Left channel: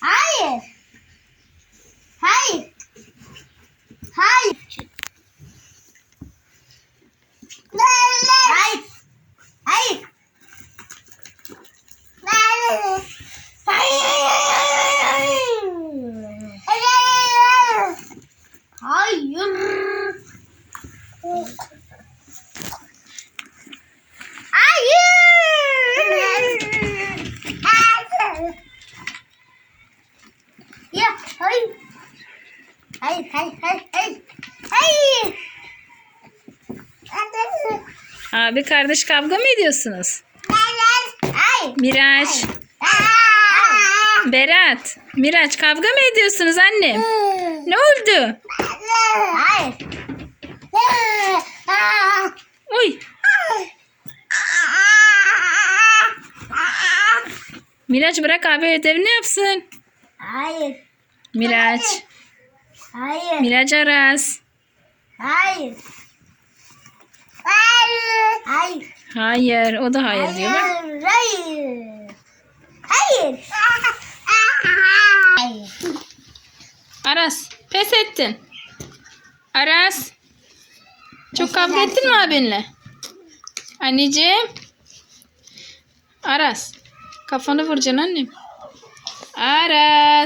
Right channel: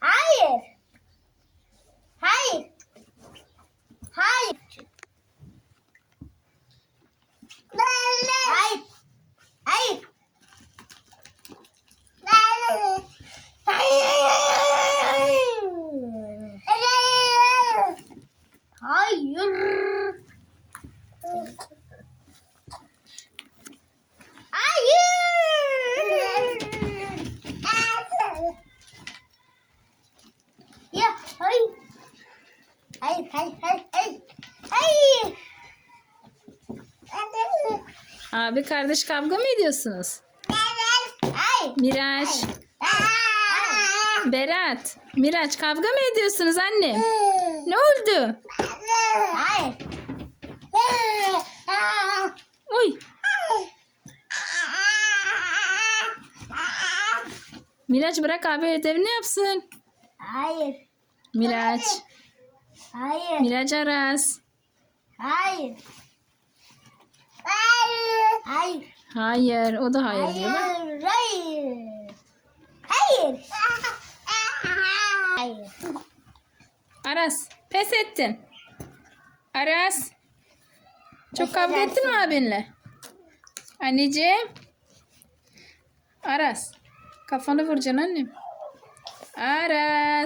Hayır. Hayır hayır hayır hayır. Hayır. Abi kardeş kavga mı ediyorsunuz? Hayır. Miraç, Berat, Miraç kavga mı ediyorsunuz annem? Ne oldu? Hayır. Oy, Miraç bırak abi ödevini yapsın. Hayır. Miraç, Hayır. Miraç Aras. Hayır. Hayır. Hayır. Hayır, o da hayır diyor. bak. Hayır. Hayır. Hayır. Aras, pes ettin. Aras, çok kavga ettin mi abinle? Anneciğim. Aras, kafanı vuracaksın annem. Aras.